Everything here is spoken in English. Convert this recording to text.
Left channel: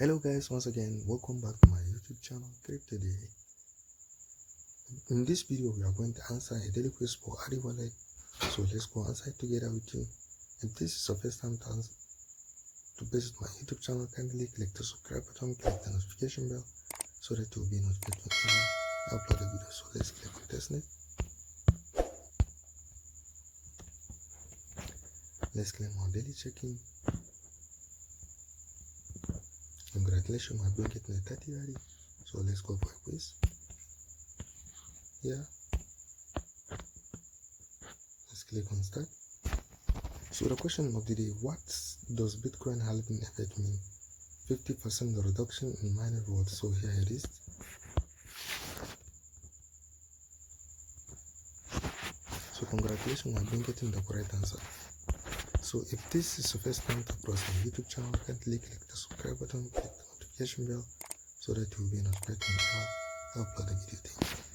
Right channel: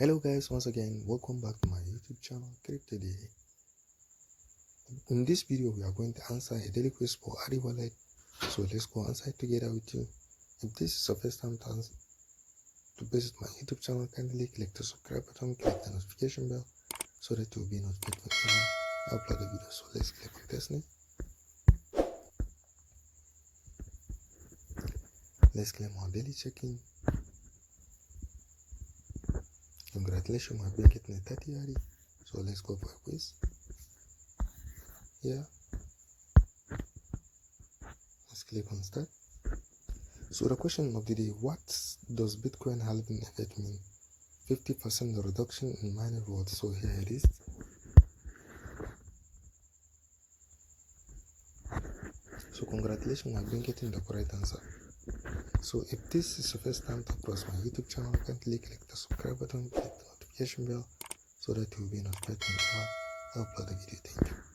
Hello guys, once again welcome back to my YouTube channel Crypto Daily. In this video we are going to answer a daily quiz for ARI wallet, so let's go answer it together with you. If this is your first time to visit my YouTube channel, kindly click the subscribe button, click the notification bell so that you will be notified whenever I upload a video. So let's click on testnet. Let's claim our daily check-in. Congratulations, I've been getting a 30 ARI. So let's go for a quiz. Yeah. Let's click on start. So the question of the day, what does Bitcoin halving effect mean? 50% reduction in mining rewards. So here it is. So congratulations, I've been getting the correct answer. So if this is your first time to approach my YouTube channel, kindly click the subscribe button, click the notification bell so that you will be notified whenever I upload a video. Thank you.